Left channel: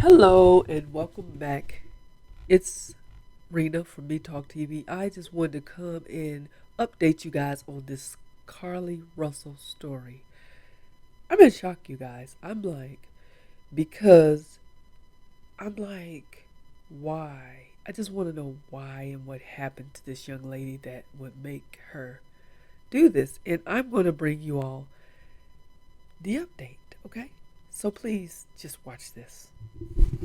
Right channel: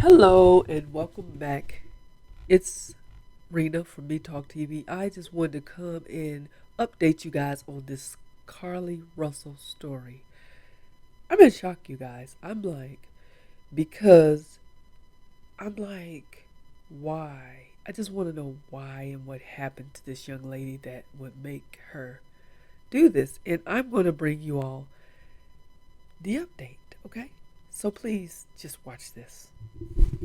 Hello and welcome back. It's Rena from metalk-tv. I just wanted to come and update you guys on this Carlee Russell story. I'm in shock, you guys. Because I'm like, why? I just want to know why and what happened to this young lady that would make her do this. And I'm going to bring you all the update, okay? So please just watch this.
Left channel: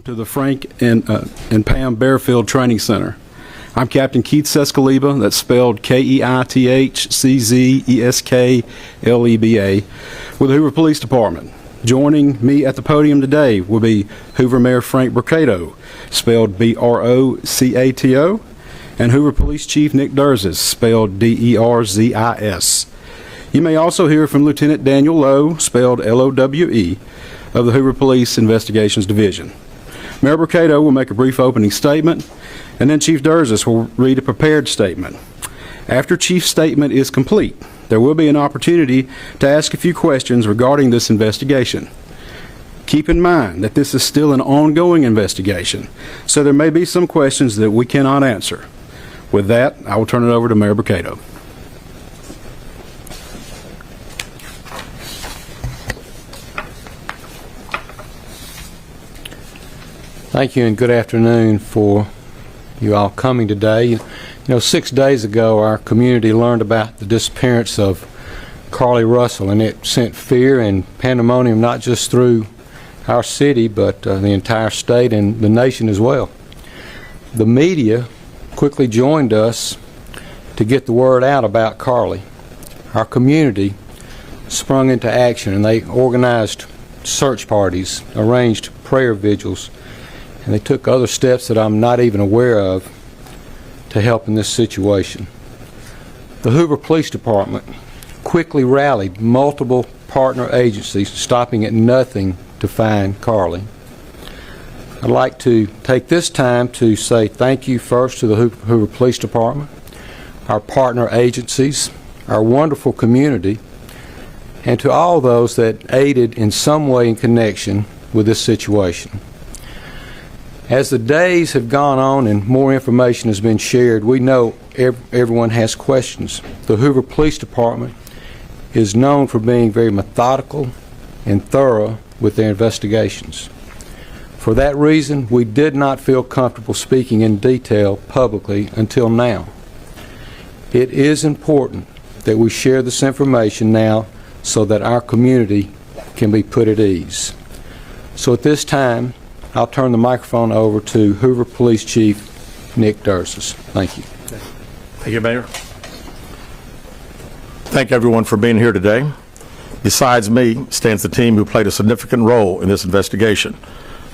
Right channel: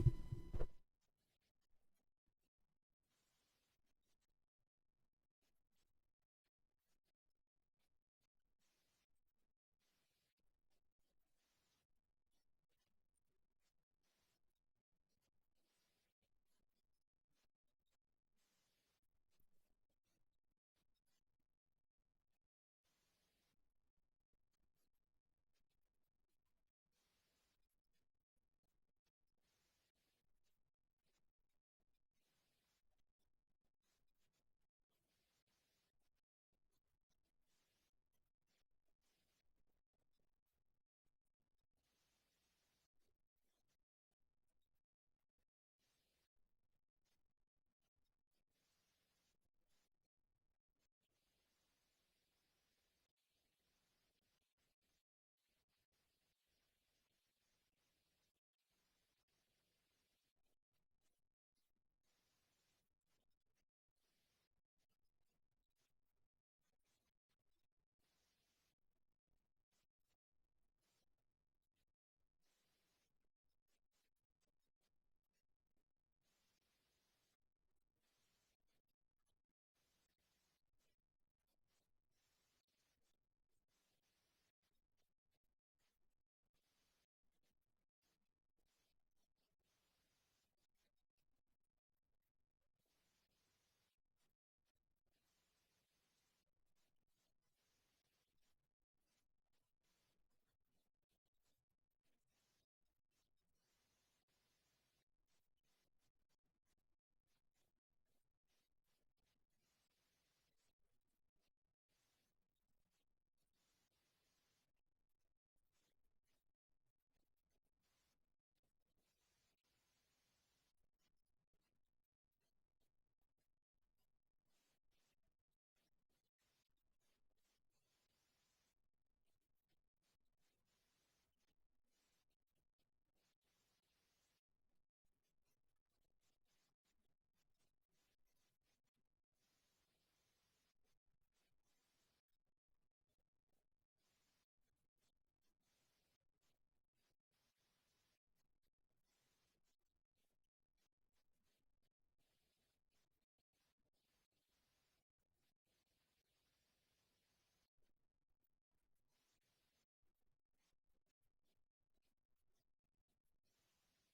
To the Frank and Pam Bearfield Training Center. I'm Captain Keith Sescaleba, that's spelled Keithczeskleba, with the Hoover Police Department. Joining me at the podium today will be Hoover Mayor Frank Brocato, spelled Brocato, and Hoover Police Chief Nick Derzis, spelled Derzis. You may also hear from Lieutenant Daniel Lowe, spelled Lowe, of the Hoover Police Investigations Division. Mayor Brocato will make a brief opening statement, and then Chief Derzis will read a prepared statement. After Chief's statement is complete, there will be an opportunity to ask a few questions regarding this investigation. Keep in mind that this is still an ongoing investigation, so there may be some questions that we cannot answer. With that, I will turn it over to Mayor Brocato. Thank you and good afternoon for you all coming today. You know, 6 days ago our community learned about the disappearance of Carlee Russell, and it sent fear and pandemonium not just through our city but the entire state and the nation as well. The media quickly joined us to get the word out about Carlee. Our community sprung into action and they organized search parties, arranged prayer vigils, and they took other steps that I'm not even aware of to help in this situation. The Hoover Police Department quickly rallied multiple partner agencies, stopping at nothing to find Carlee. I'd like to take this time to say thank you first to the Hoover Police Department, our partner agencies, our wonderful community, and to all those that aided in some way in connection with this situation. As the days have gone on and more information has been shared, we know everyone has questions. The Hoover Police Department is known for being very methodical and thorough with their investigations. For that reason, we did not feel comfortable speaking in detail publicly until now. It is important that we share this information now so that our community can be put at ease. So at this time, I'll turn the microphone over to Hoover Police Chief Nick Derzis. Thank you. Thank you, Mayor. Thank everyone for being here today. Besides me stands the team who played a significant role in this investigation.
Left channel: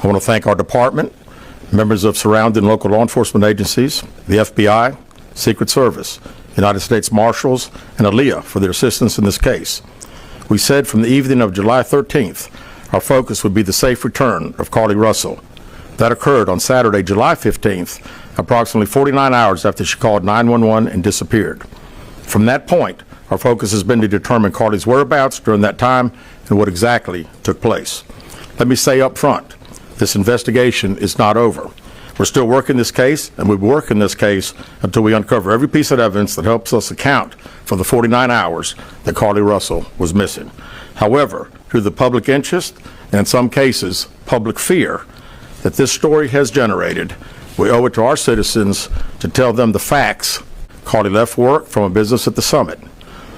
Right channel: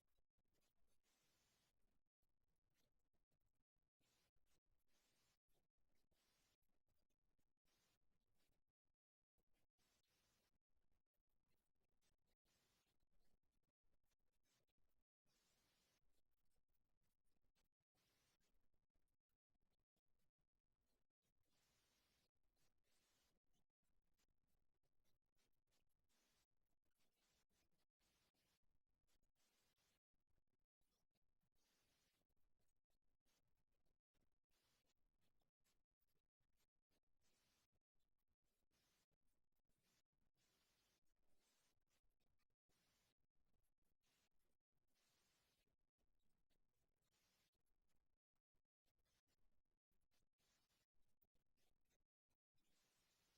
I want to thank our department, members of surrounding local law enforcement agencies, the FBI, Secret Service, United States Marshals, and ALEA for their assistance in this case. We said from the evening of July 13th, our focus would be the safe return of Carlee Russell. That occurred on Saturday, July 15th, approximately 49 hours after she called 911 and disappeared. From that point, our focus has been to determine Carlee's whereabouts during that time and what exactly took place. Let me say up front, this investigation is not over. We're still working this case, and we'll be working this case until we uncover every piece of evidence that helps us account for the 49 hours that Carlee Russell was missing. However, through the public interest, and in some cases, public fear that this story has generated, we owe it to our citizens to tell them the facts. Carlee left work from a business at the Summit.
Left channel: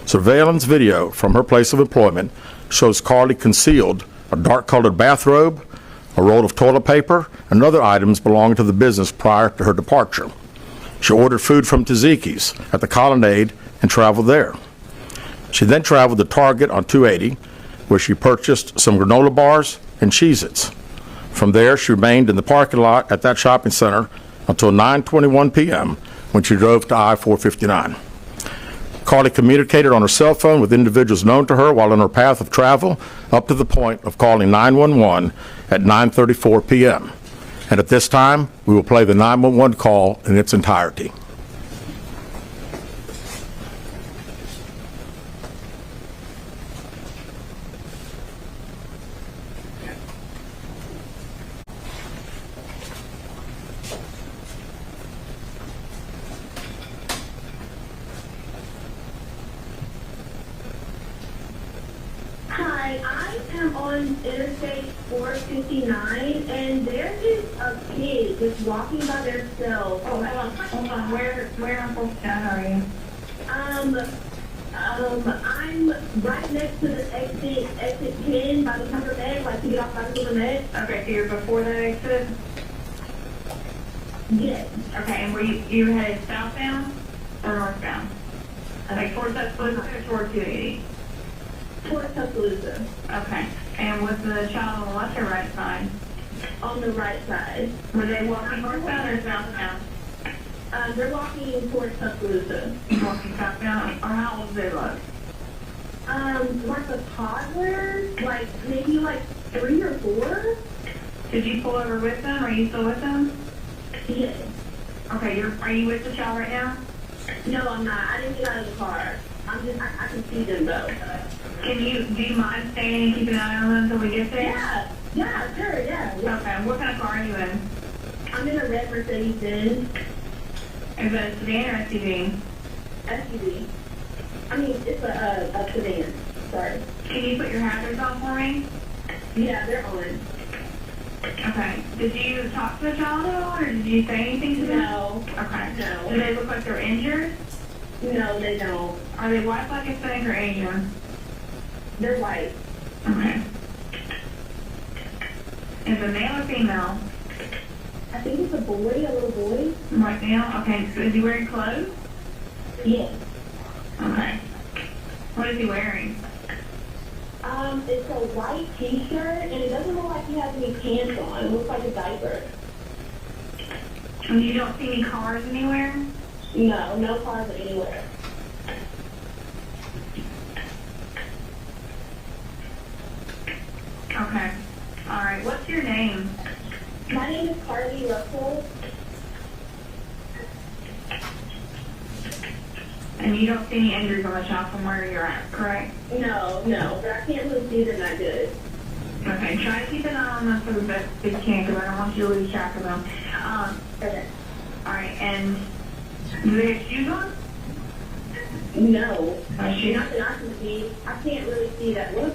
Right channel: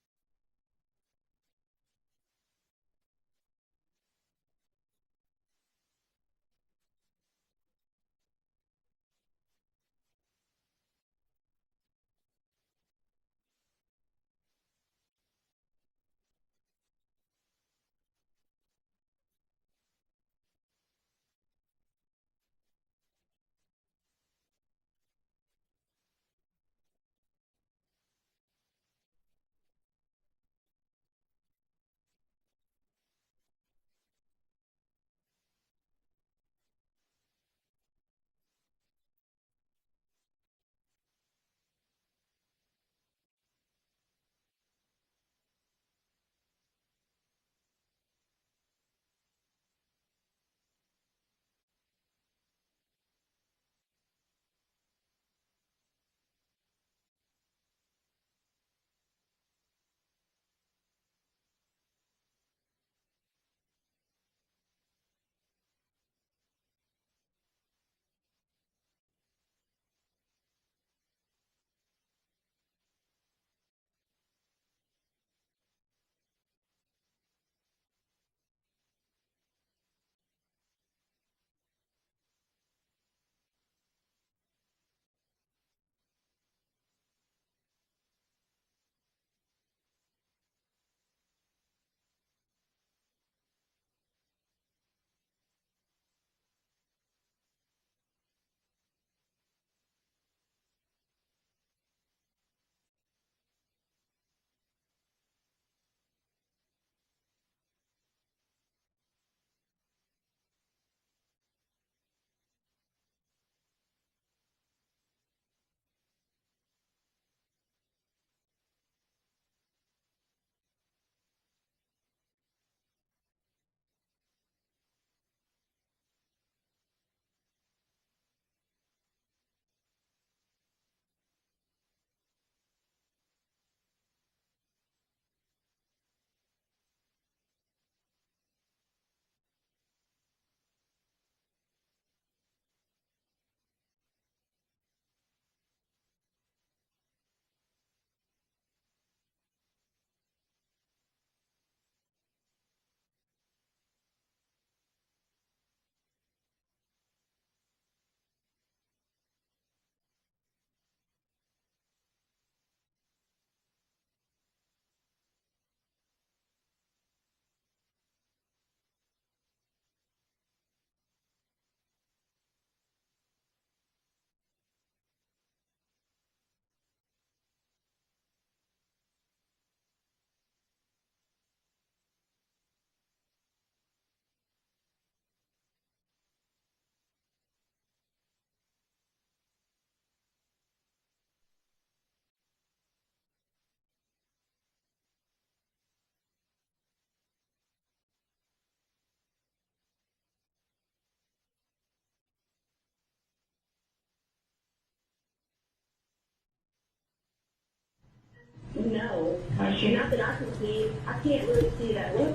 Surveillance video from her place of employment shows Carlee concealed a dark-colored bathrobe, a roll of toilet paper, and other items belonging to the business prior to her departure. She ordered food from Tzatziki's at the Colonnade and traveled there. She then traveled to Target on 280, where she purchased some granola bars and Cheez-Its. From there, she remained in the parking lot at that shopping center until 9:21 p.m. when she drove to I-459. Carlee communicated on her cell phone with individuals known to her while on her path of travel up to the point of calling 911 at 9:34 p.m. And at this time, we will play the 911 call in its entirety. am on Interstate 459, and there is a kid just walking by themselves. Oh, hold on. Where on 459 are you? I'm right next to the exit 10 by the Pepper Med, like to get off by the Pepper Med. Okay, so you're before that exit? Yes. Okay, and were you headed southbound or northbound? Like towards Tuscaloosa or towards 280? Towards Tuscaloosa. Okay, and was the child on the left or right side? On the right side. Were they walking northbound or southbound? They're walking towards Tuscaloosa. Walking southbound, or how old do they look? Like a toddler, like maybe like 3 or 4. Did you pull over with them? Are you still with them? Yes. Okay, are you with the child right now? No, I'm not. I didn't get out of the car. I can see them though. Do you mind staying and keeping an eye on them until we get there? Yeah, sure, yeah. Okay, what kind of car are you in? I'm in a red Mercedes-Benz Is that a sedan or SUV? SUV. I mean, it's a sedan. Sorry. Can you put your hazards on for me? Yeah, they're on. Okay. Did you talk to the child at all, or did you say anything to them? No. Okay. No. Do they look like they're injured? No, they don't. Are they white, black, Hispanic, or Asian? They're white. Okay. Is it male or female? I think it's a boy, a little boy. White male? Okay. So is he wearing clothes? Yes. Okay. What is he wearing? It's a white t-shirt, and it doesn't look like he has any pants on. It looks like a diaper. And you don't see any cars anywhere? No, no cars anywhere. Okay. All right. What's your name? My name is Carlee Russell. And you don't see any injuries on the child from where you're at, correct? No, but I can't really see them that good. Okay, try to keep an eye on them for the best that you can, because I don't want you to lose track of them. Okay. All right, and do they have shoes on? No. Shoes? Not that I can see. I can't really see that. Look.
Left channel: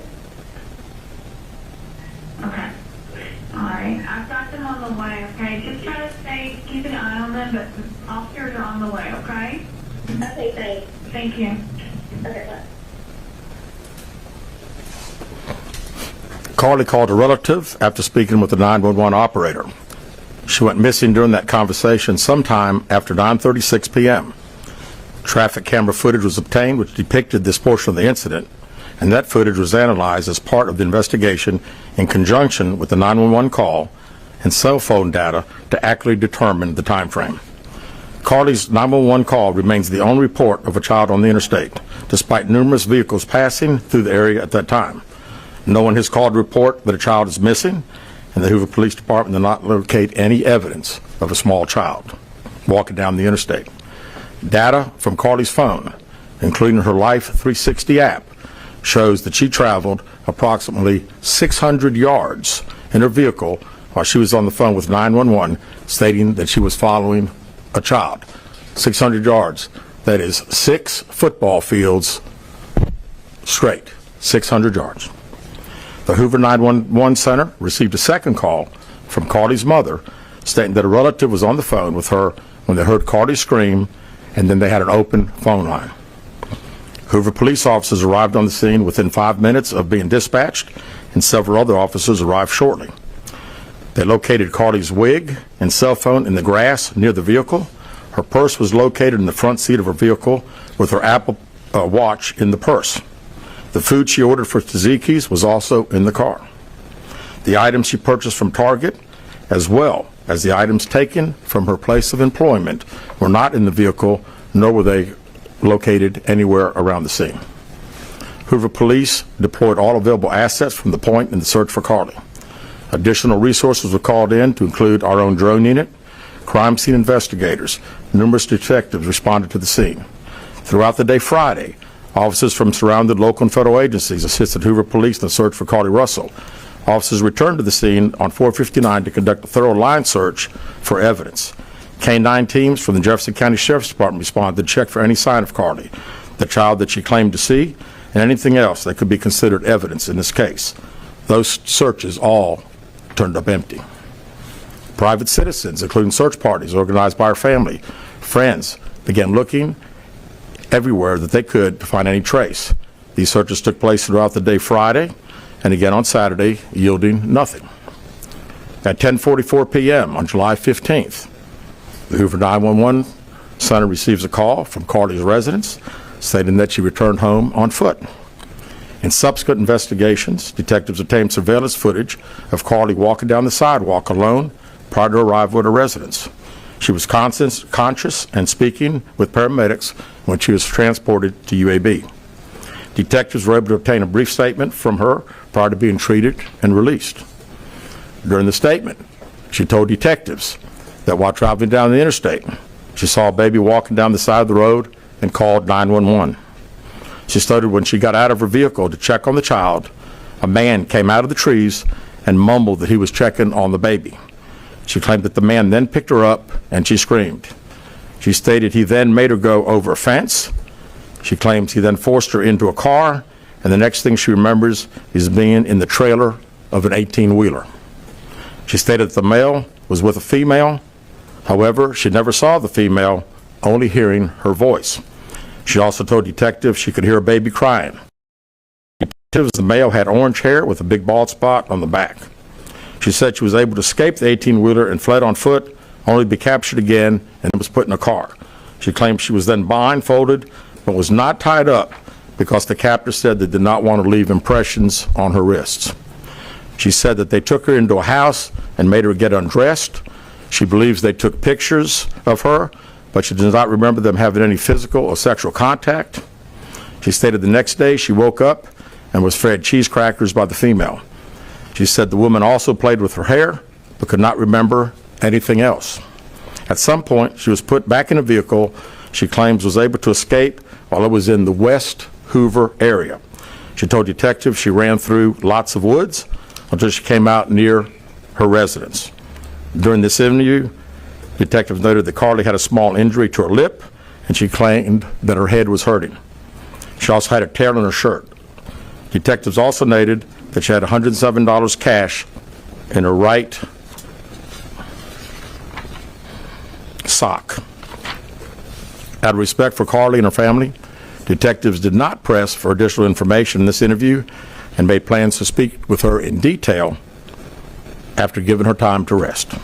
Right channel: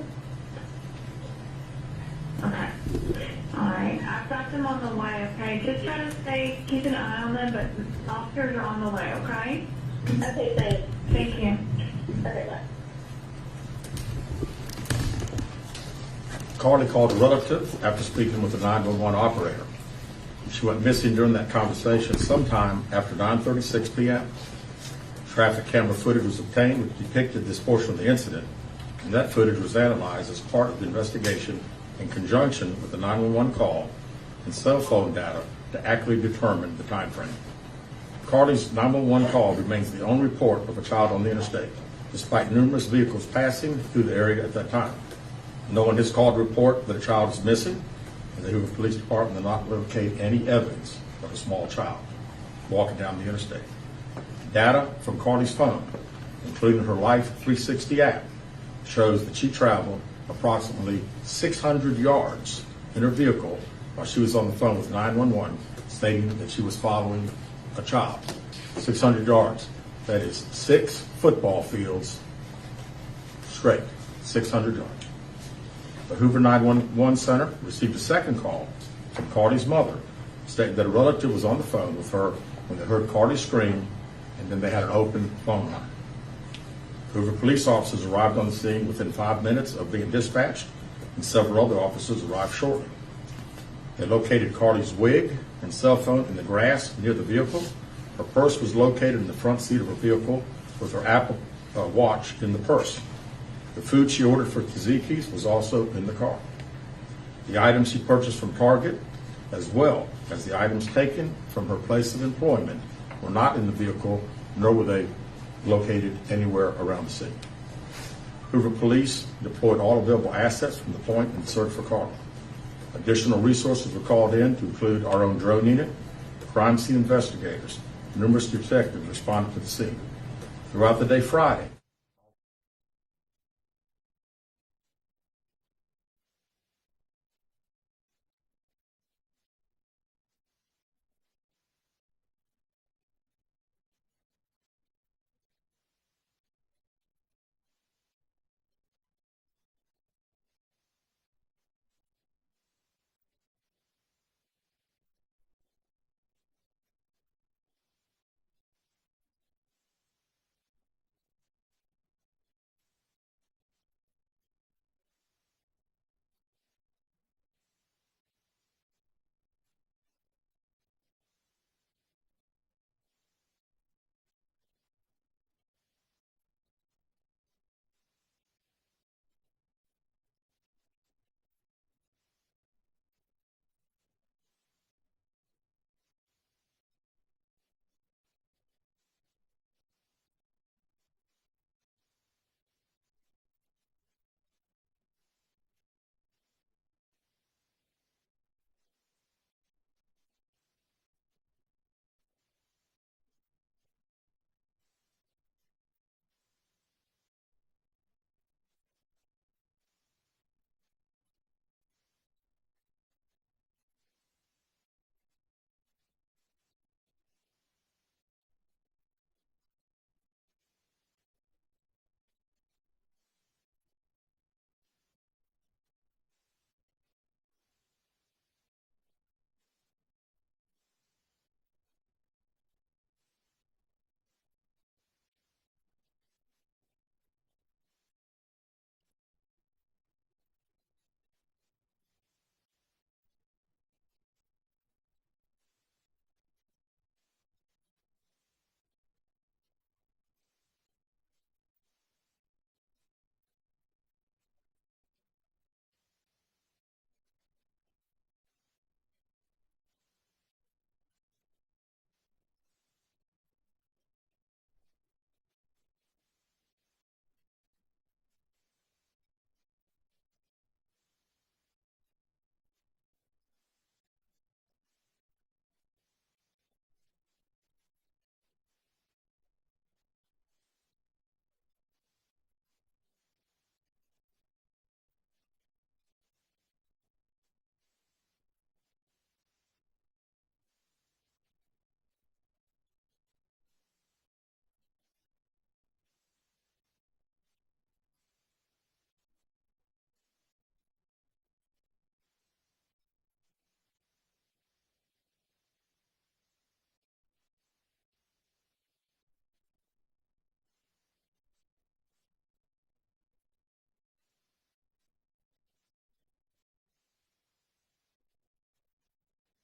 Okay. All right, I've got them on the way, okay? Just try to keep an eye on them, but officers are on the way, okay? Okay, thanks. Thank you. Okay, bye. Carlee called a relative after speaking with the 911 operator. She went missing during that conversation sometime after 9:36 p.m. Traffic camera footage was obtained which depicted this portion of the incident, and that footage was analyzed as part of the investigation in conjunction with the 911 call and cell phone data to accurately determine the time frame. Carlee's 911 call remains the only report of a child on the interstate, despite numerous vehicles passing through the area at that time. No one has called to report that a child is missing, and the Hoover Police Department did not locate any evidence of a small child walking down the interstate. Data from Carlee's phone, including her Life 360 app, shows that she traveled approximately 600 yards in her vehicle while she was on the phone with 911, stating that she was following a child. 600 yards. That is 6 football fields straight. 600 yards. The Hoover 911 Center received a second call from Carlee's mother stating that a relative was on the phone with her when they heard Carlee scream, and then they had an open phone line. Hoover police officers arrived on the scene within 5 minutes of being dispatched, and several other officers arrived shortly. They located Carlee's wig and cell phone in the grass near the vehicle. Her purse was located in the front seat of her vehicle with her Apple Watch in the purse. The food she ordered for Tzatziki's was also in the car. The items she purchased from Target, as well as the items taken from her place of employment, were not in the vehicle, nor were they located anywhere around the scene. Hoover Police deployed all available assets from the point in the search for Carlee. Additional resources were called in to include our own drone unit, crime scene investigators. Numerous detectives responded to the scene. Throughout the day Friday, officers from surrounding local and federal agencies assisted Hoover Police in the search for Carlee Russell. Officers returned to the scene on 459 to conduct a thorough line search for evidence. K-9 teams from the Jefferson County Sheriff's Department responded to check for any sign of Carlee, the child that she claimed to see, and anything else that could be considered evidence in this case. Those searches all turned up empty. Private citizens, including search parties organized by her family, friends, began looking everywhere that they could to find any trace. These searches took place throughout the day Friday and again on Saturday, yielding nothing. At 10:44 p.m. on July 15th, the Hoover 911 center receives a call from Carlee's residence stating that she returned home on foot. In subsequent investigations, detectives obtained surveillance footage of Carlee walking down the sidewalk alone prior to arrival at her residence. She was conscious and speaking with paramedics when she was transported to UAB. Detectives were able to obtain a brief statement from her prior to being treated and released. During the statement, she told detectives that while traveling down the interstate, she saw a baby walking down the side of the road and called 911. She stated when she got out of her vehicle to check on the child, a man came out of the trees and mumbled that he was checking on the baby. She claimed that the man then picked her up and she screamed. She stated he then made her go over a fence. She claims he then forced her into a car, and the next thing she remembers is being in the trailer of an 18-wheeler. She stated that the male was with a female. However, she never saw the female, only hearing her voice. She also told detectives she could hear a baby crying. Detectives, the male had orange hair with a big bald spot on the back. She said she was able to escape the 18-wheeler and fled on foot, only to be captured again and was put in a car. She claimed she was then blindfolded, but was not tied up because the captor said they did not want to leave impressions on her wrists. She said that they took her into a house and made her get undressed. She believes they took pictures of her, but she does not remember them having any physical or sexual contact. She stated the next day she woke up and was fed cheese crackers by the female. She said the woman also played with her hair, but could not remember anything else. At some point, she was put back in a vehicle she claims was able to escape while it was in the West Hoover area. She told detectives she ran through lots of woods until she came out near her residence. During this interview, detectives noted that Carlee had a small injury to her lip, and she claimed that her head was hurting. She also had a tear in her shirt. Detectives also noted that she had $107 cash in her right sock. Out of respect for Carlee and her family, detectives did not press for additional information in this interview and made plans to speak with her in detail after giving her time to rest.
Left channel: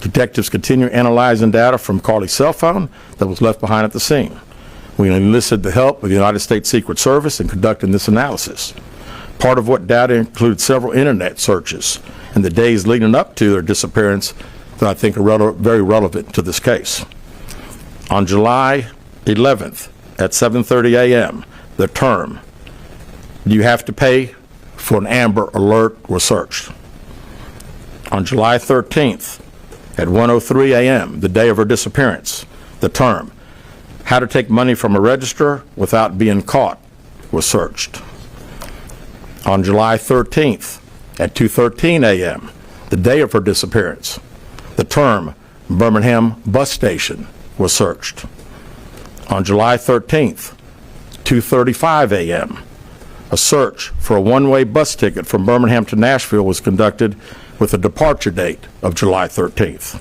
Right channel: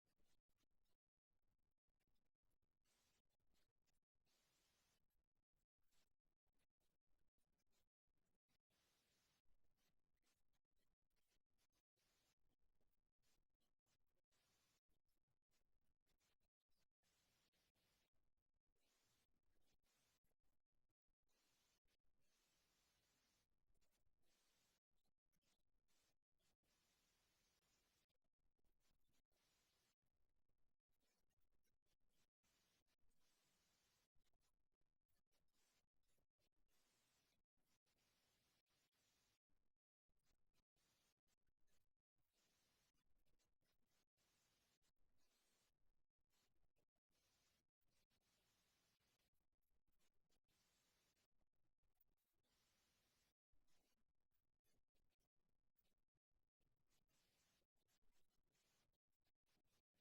Detectives continue analyzing data from Carlee's cell phone that was left behind at the scene. We enlisted the help of the United States Secret Service in conducting this analysis. Part of what data includes several internet searches in the days leading up to their disappearance that I think are very relevant to this case. On July 11th at 7:30 a.m., the term, "Do you have to pay for an Amber Alert?" was searched. On July 13th at 1:03 a.m., the day of her disappearance, the term, "How to take money from a register without being caught," was searched. On July 13th at 2:13 a.m., the day of her disappearance, the term Birmingham bus station was searched. On July 13th, 2:35 a.m., a search for a one-way bus ticket from Birmingham to Nashville was conducted with a departure date of July 13th.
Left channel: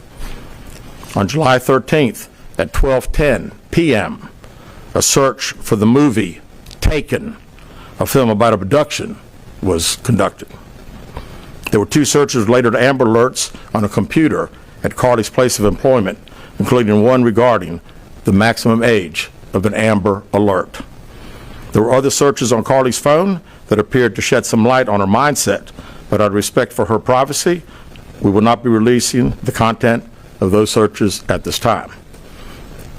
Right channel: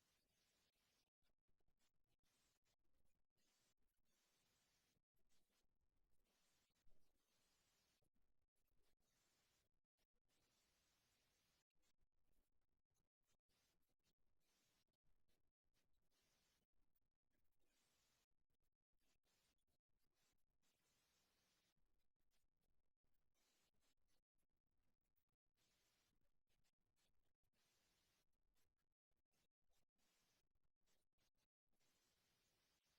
On July 13th at 12:10 p.m., a search for the movie Taken, a film about abduction, was conducted. There were two searches related to Amber Alerts on a computer at Carlee's place of employment, including one regarding the maximum age of an Amber Alert. There were other searches on Carlee's phone that appeared to shed some light on her mindset, but out of respect for her privacy, we will not be releasing the content of those searches at this time.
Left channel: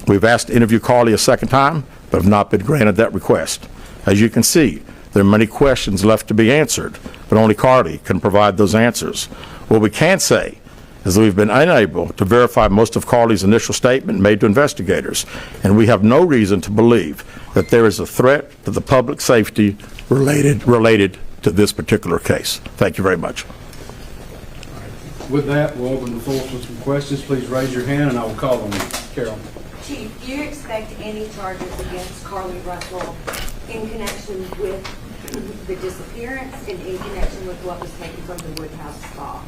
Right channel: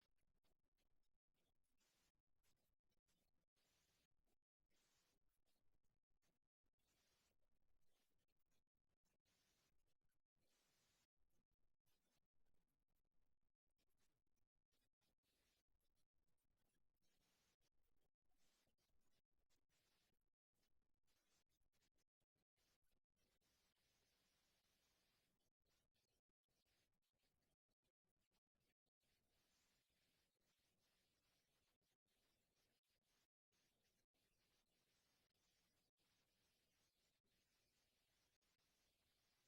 We've asked to interview Carlee a second time, but have not been granted that request. As you can see, there are many questions left to be answered, but only Carlee can provide those answers. What we can say is that we've been unable to verify most of Carlee's initial statement made to investigators, and we have no reason to believe that there is a threat to the public safety related to this particular case. Thank you very much. With that, we'll open the floor for some questions. Please raise your hand and I will call on you. Carol. Chief, do you expect any charges against Carlee Russell in connection with the disappearance and in connection with what was taken from the Woodhouse spa?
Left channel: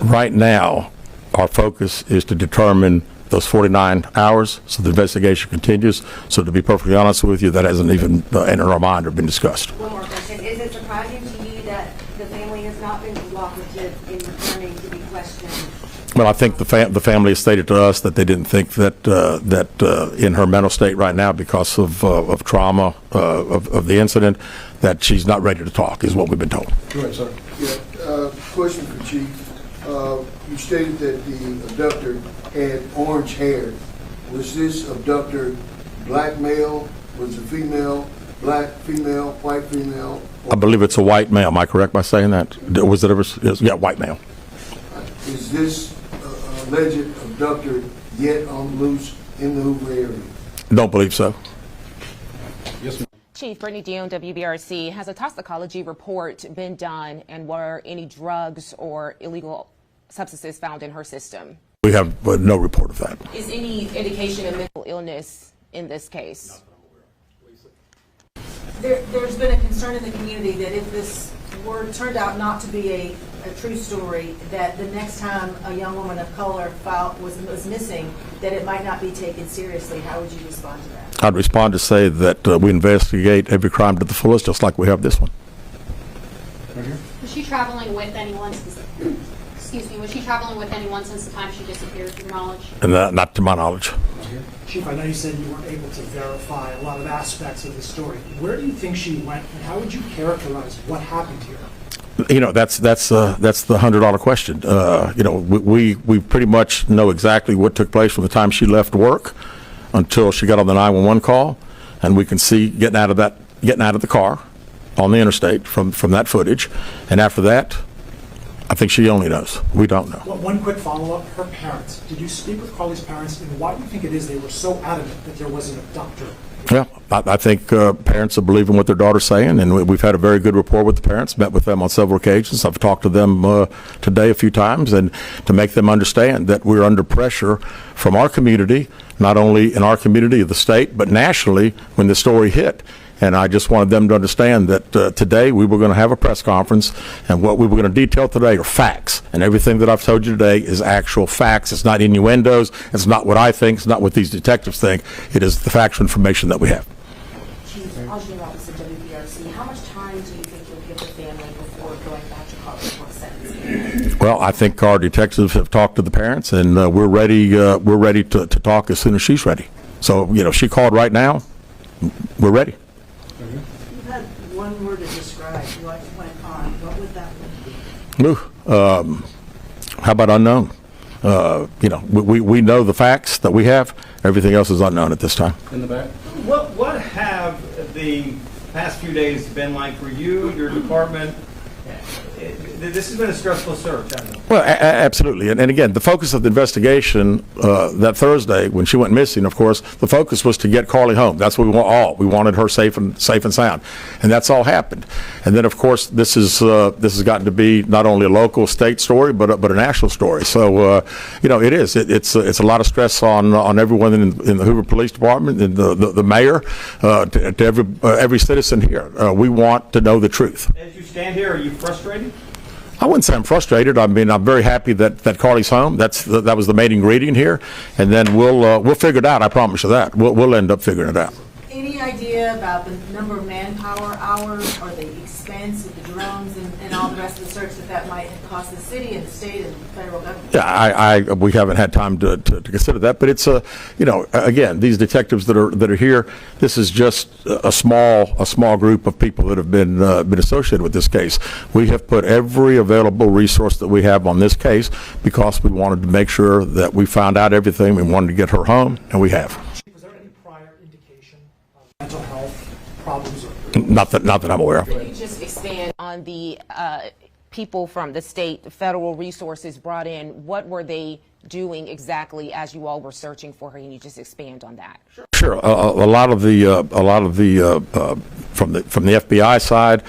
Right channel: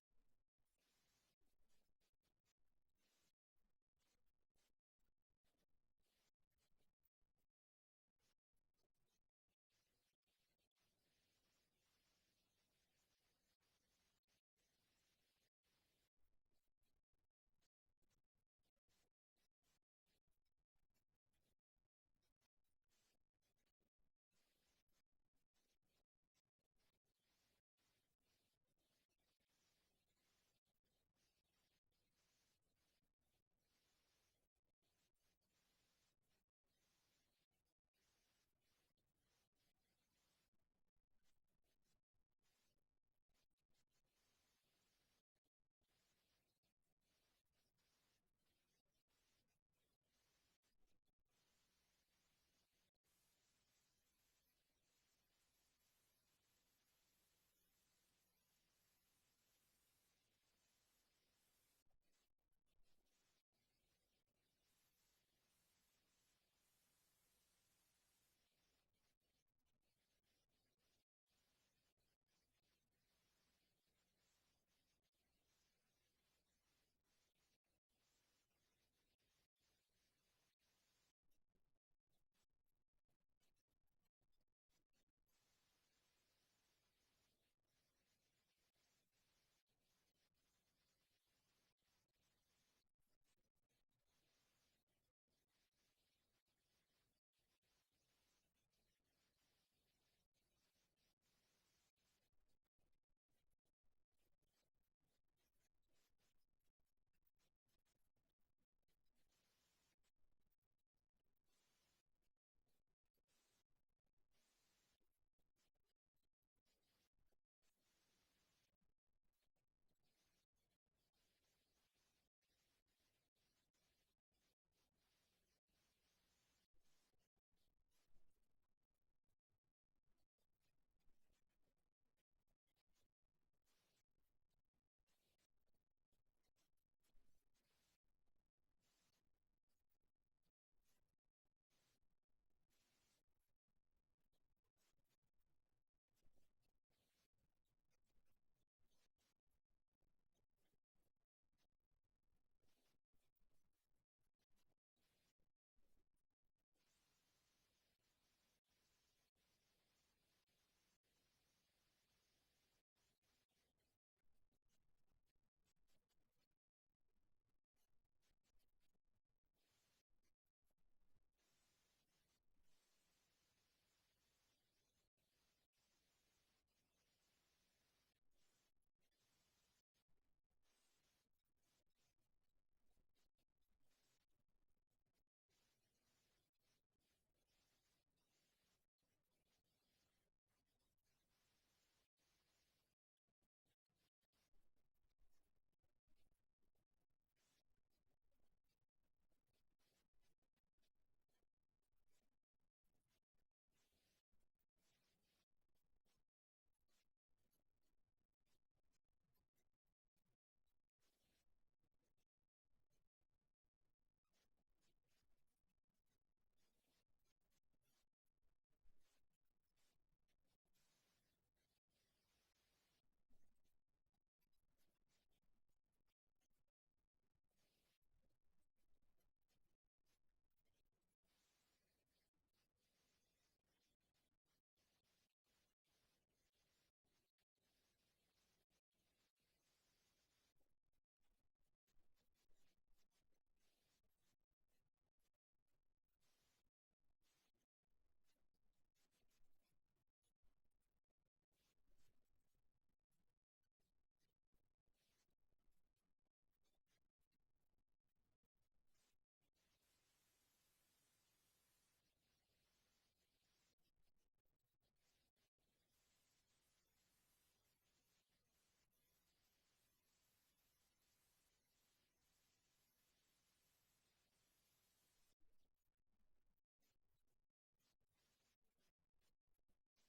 Right now, our focus is to determine those 49 hours, so the investigation continues. So to be perfectly honest with you, that hasn't even entered our mind or been discussed. One more question. Is it surprising to you that the family has not been cooperative in returning to be questioned? Well, I think the family has stated to us that they didn't think that in her mental state right now, because of trauma of the incident, that she's not ready to talk, is what we've been told. Go ahead, sir. Yeah, question for Chief. You stated that the abductor had orange hair. Was this abductor black male? Was it female? Black female? White female? I believe it's a white male. Am I correct by saying that? Was it ever? Yeah, white male. Is this alleged abductor yet on loose in the Hoover area? Don't believe so. Yes, ma'am. Chief Brittany Dion, WBRC. Has a toxicology report been done, and were any drugs or illegal substances found in her system? We have no report of that. Is any indication of mental illness in this case? There's been a concern in the community that if this turned out not to be a true story, that the next time a young woman of color was missing, that it might not be taken seriously. How would you respond to that? I'd respond to say that we investigate every crime to the fullest, just like we have this one. Was she traveling with anyone? Excuse me. Was she traveling with anyone since the time she disappeared, to your knowledge? And not to my knowledge. Chief, I know you said you weren't able to verify a lot of aspects of the story. Where do you think she went, and how would you characterize what happened here? You know, that's the $100 question. You know, we pretty much know exactly what took place from the time she left work until she got on the 911 call, and we can see getting out of the car on the interstate from that footage. And after that, I think she only knows. We don't know. Well, one quick follow-up. Her parents. Did you speak with Carlee's parents, and why do you think it is they were so adamant that there was an abductor? Yeah, I think parents are believing what their daughter's saying, and we've had a very good rapport with the parents, met with them on several occasions. I've talked to them today a few times, and to make them understand that we're under pressure from our community, not only in our community of the state, but nationally when the story hit. And I just wanted them to understand that today we were going to have a press conference, and what we were going to detail today are facts. And everything that I've told you today is actual facts. It's not innuendos. It's not what I think. It's not what these detectives think. It is the factual information that we have. Chief, Ajay Robinson, WBRC. How much time do you think you'll give the family before going back to Carlee for sentencing? Well, I think our detectives have talked to the parents, and we're ready. We're ready to talk as soon as she's ready. So, you know, she called right now. We're ready. You had one word to describe what went on. What would that word be? How about unknown? You know, we know the facts that we have. Everything else is unknown at this time. In the back. What have the past few days been like for you, your department? This has been a stressful search, hasn't it? Well, absolutely. And again, the focus of the investigation that Thursday, when she went missing, of course, the focus was to get Carlee home. That's what we want all. We wanted her safe and sound. And that's all happened. And then, of course, this has gotten to be not only a local, state story, but a national story. So, you know, it is. It's a lot of stress on everyone in the Hoover Police Department, and the mayor, to every citizen here. We want to know the truth. As you stand here, are you frustrated? I wouldn't say I'm frustrated. I mean, I'm very happy that Carlee's home. That was the main ingredient here, and then we'll figure it out. I promise you that. We'll end up figuring it out. Any idea about the number of manpower hours or the expense of the drones and all the rest of the search that might have cost the city and the state and the federal government? Yeah, we haven't had time to consider that, but it's you know, again, these detectives that are here, this is just a small group of people that have been associated with this case. We have put every available resource that we have on this case because we wanted to make sure that we found out everything. We wanted to get her home, and we have. Was there any prior indication of mental health problems? Not that I'm aware of. Can you just expand on the people from the state, the federal resources brought in? What were they doing exactly as you all were searching for her? Can you just expand on that? Sure. A lot of the from the FBI side,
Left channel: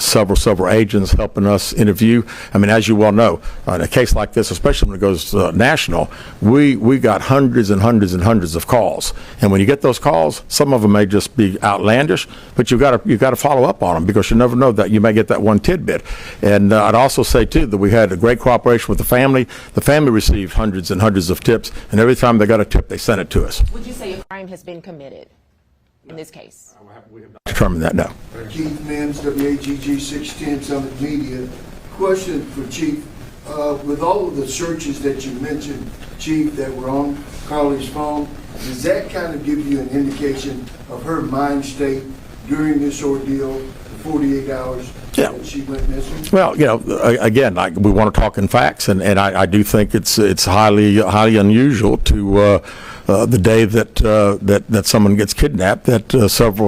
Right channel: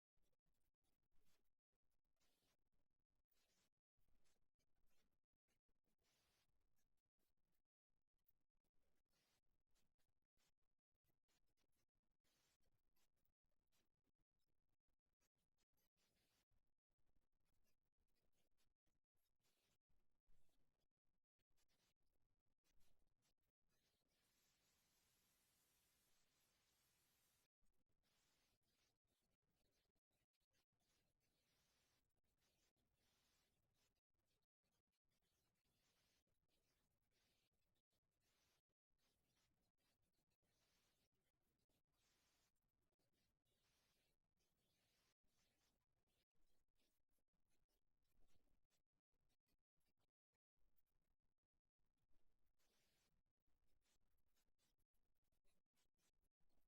several agents helping us interview. I mean, as you well know, in a case like this, especially when it goes national, we got hundreds and hundreds and hundreds of calls. And when you get those calls, some of them may just be outlandish, but you've got to follow up on them, because you never know that you may get that one tidbit. And I'd also say too that we had a great cooperation with the family. The family received hundreds and hundreds of tips, and every time they got a tip, they sent it to us. Would you say a crime has been committed in this case? Determine that now. Keith Mims, WAGG 610 Summit Media. Question for Chief. With all of the searches that you mentioned, Chief, that were on Carlee's phone, does that kind of give you an indication of her mind state during this ordeal, the 48 hours that she went missing? Well, again, we want to talk in facts, and I do think it's highly unusual to the day that someone gets kidnapped, that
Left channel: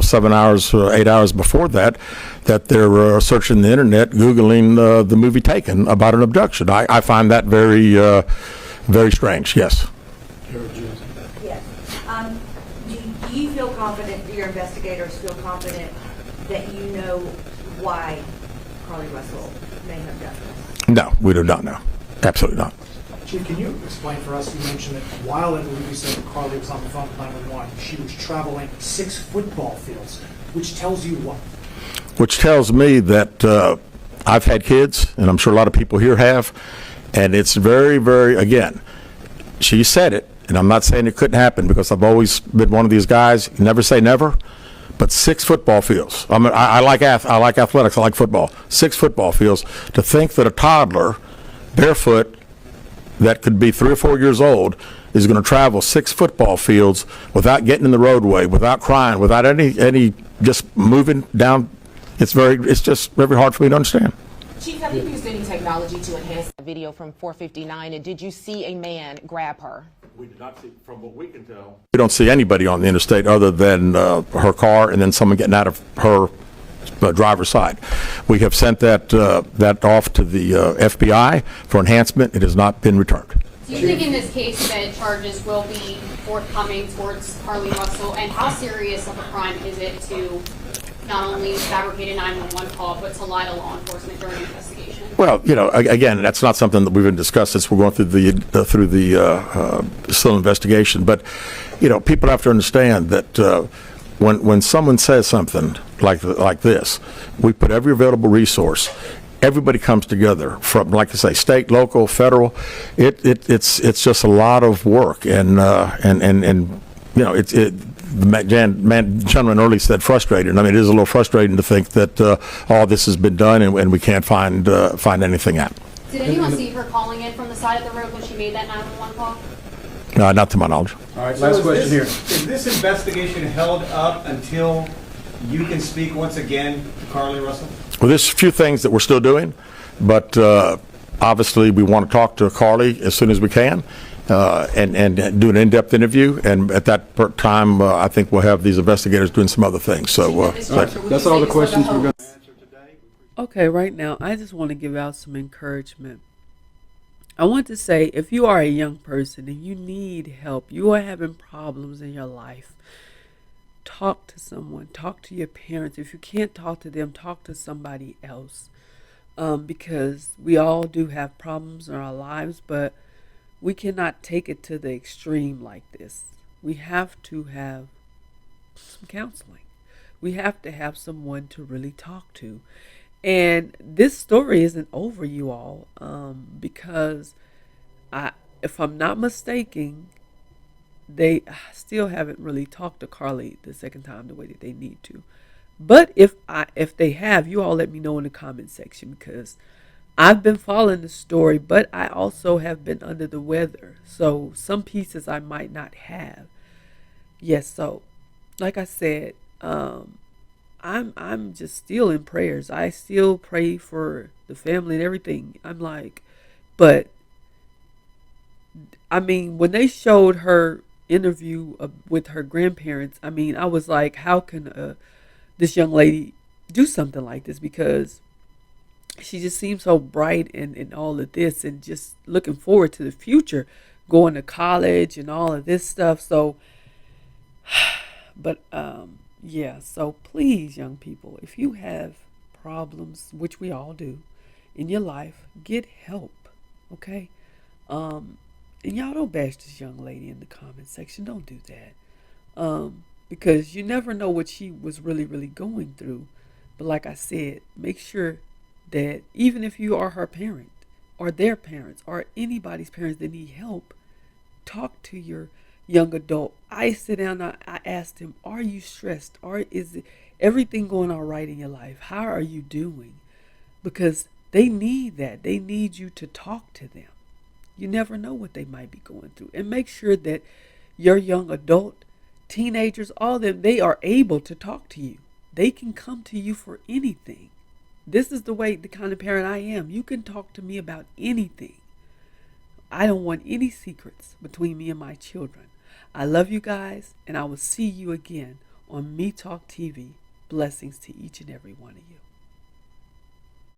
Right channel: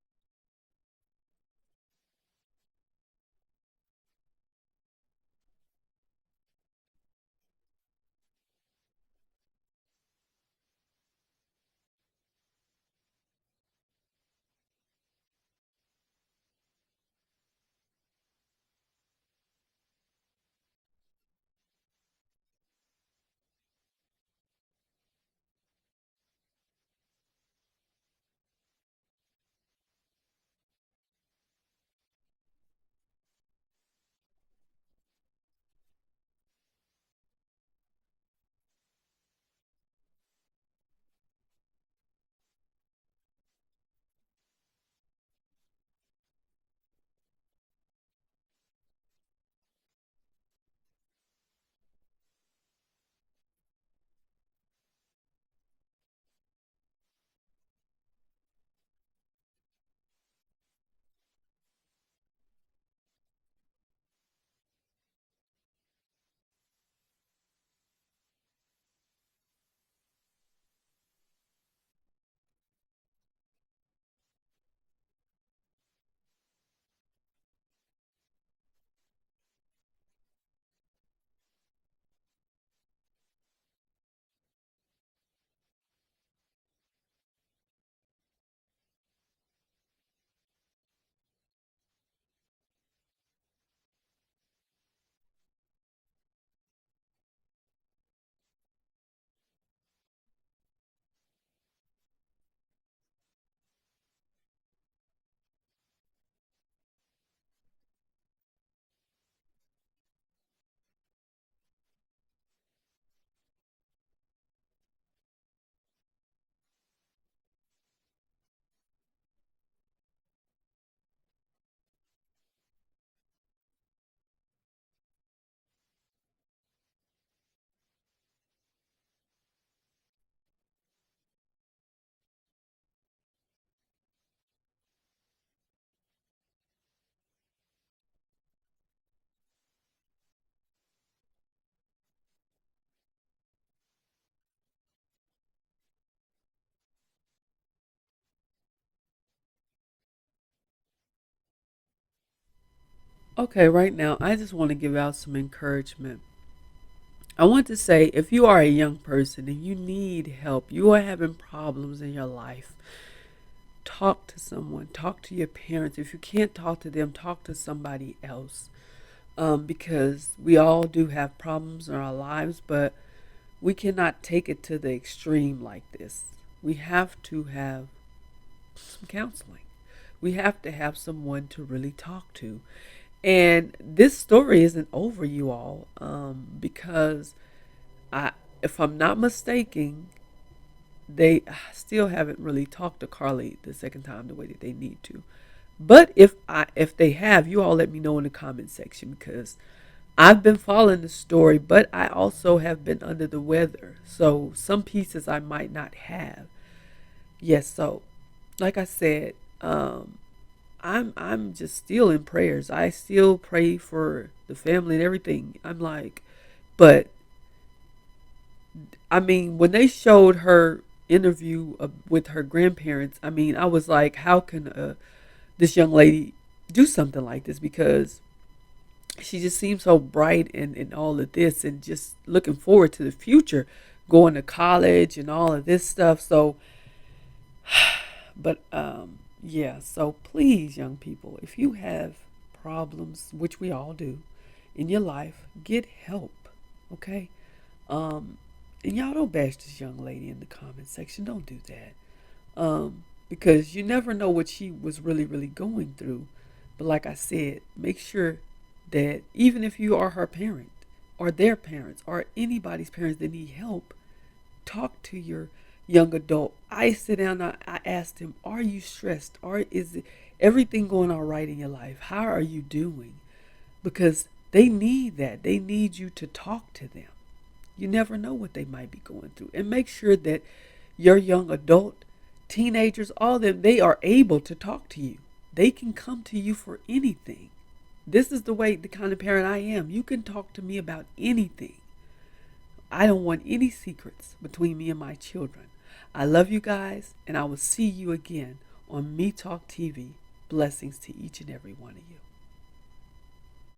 7 hours, 8 hours before that they're searching the internet, Googling the movie Taken about an abduction. I find that very, very strange. Yes. Yes. Do you feel confident, do your investigators feel confident that you know why Carlee Russell may have done this? No, we do not know. Absolutely not. Chief, can you explain for us, you mentioned that while I believe you said that Carlee was on the phone with 911, she was traveling 6 football fields, which tells you what? Which tells me that I've had kids, and I'm sure a lot of people here have, and it's very, very, again, she said it, and I'm not saying it couldn't happen, because I've always been one of these guys, never say never, but 6 football fields. I like athletics, I like football. 6 football fields. To think that a toddler, barefoot, that could be 3 or 4 years old, is going to travel 6 football fields without getting in the roadway, without crying, without any just moving down. It's just very hard for me to understand. Chief, have you used any technology to enhance the video from 459, and did you see a man grab her? We did not see, from what we can tell. We don't see anybody on the interstate other than her car and then someone getting out of her driver's side. We have sent that off to the FBI for enhancement. It has not been returned. Do you think in this case that charges will be forthcoming towards Carlee Russell, and how serious of a crime is it to not only fabricate a 911 call, but to lie to law enforcement during an investigation? Well, again, that's not something that we've been discussed since we're going through the still investigation. But people have to understand that when someone says something like this, we put every available resource. Everybody comes together from, like I say, state, local, federal. It's just a lot of work, and the gentleman earlier said frustrating. I mean, it is a little frustrating to think that all this has been done and we can't find anything out. Did anyone see her calling in from the side of the road when she made that 911 call? Not to my knowledge. All right, last question here. Is this investigation held up until you can speak once again to Carlee Russell? Well, there's a few things that we're still doing, but obviously we want to talk to Carlee as soon as we can. And do an in-depth interview, and at that time, I think we'll have these investigators doing some other things. So that's all the questions we're going to answer today. Okay, right now, I just want to give out some encouragement. I want to say, if you are a young person and you need help, you are having problems in your life, talk to someone, talk to your parents. If you can't talk to them, talk to somebody else, because we all do have problems in our lives, but we cannot take it to the extreme like this. We have to have some counseling. We have to have someone to really talk to. And this story isn't over, you all, because if I'm not mistaken, they still haven't really talked to Carlee the second time the way that they need to. But if they have, you all let me know in the comment section, because I've been following the story, but I also have been under the weather. So some pieces I might not have. Yes, so like I said, I'm just still in prayers. I still pray for the family and everything. But I mean, when they showed her interview with her grandparents, I mean, I was like, how can this young lady do something like this? Because she just seems so bright and all of this, and just looking forward to the future, going to college and all of this stuff. So, but Yeah, so please, young people, if you have problems, which we all do, in your life, get help, okay? Um, and y'all don't bash this young lady in the comment section. Don't do that. Because you never know what she was really going through. But like I said, make sure that even if you are her parent or their parents or anybody's parents that need help, talk to your young adult. I sit down, I asked him, are you stressed? Or is everything going all right in your life? How are you doing? Because they need that. They need you to talk to them. You never know what they might be going through. And make sure that your young adult, teenagers, all of them, they are able to talk to you. They can come to you for anything. This is the kind of parent I am. You can talk to me about anything. I don't want any secrets between me and my children. I love you guys, and I will see you again on Me Talk TV. Blessings to each and every one of you.